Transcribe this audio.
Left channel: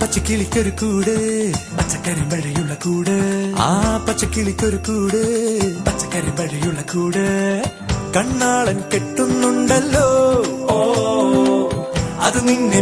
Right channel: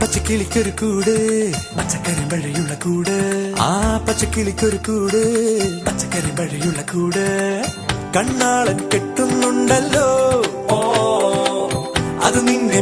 പച്ചക്കിളിക്കൊരു കൂട് പച്ചക്കരിമ്പഴയുള്ള കൂട് ആ പച്ചക്കിളിക്കൊരു കൂട് പച്ചക്കരിമ്പഴയുള്ള കൂട് കണ്ണാളൻ കെട്ടുന്നുണ്ടല്ലോ അത് നിന്നെ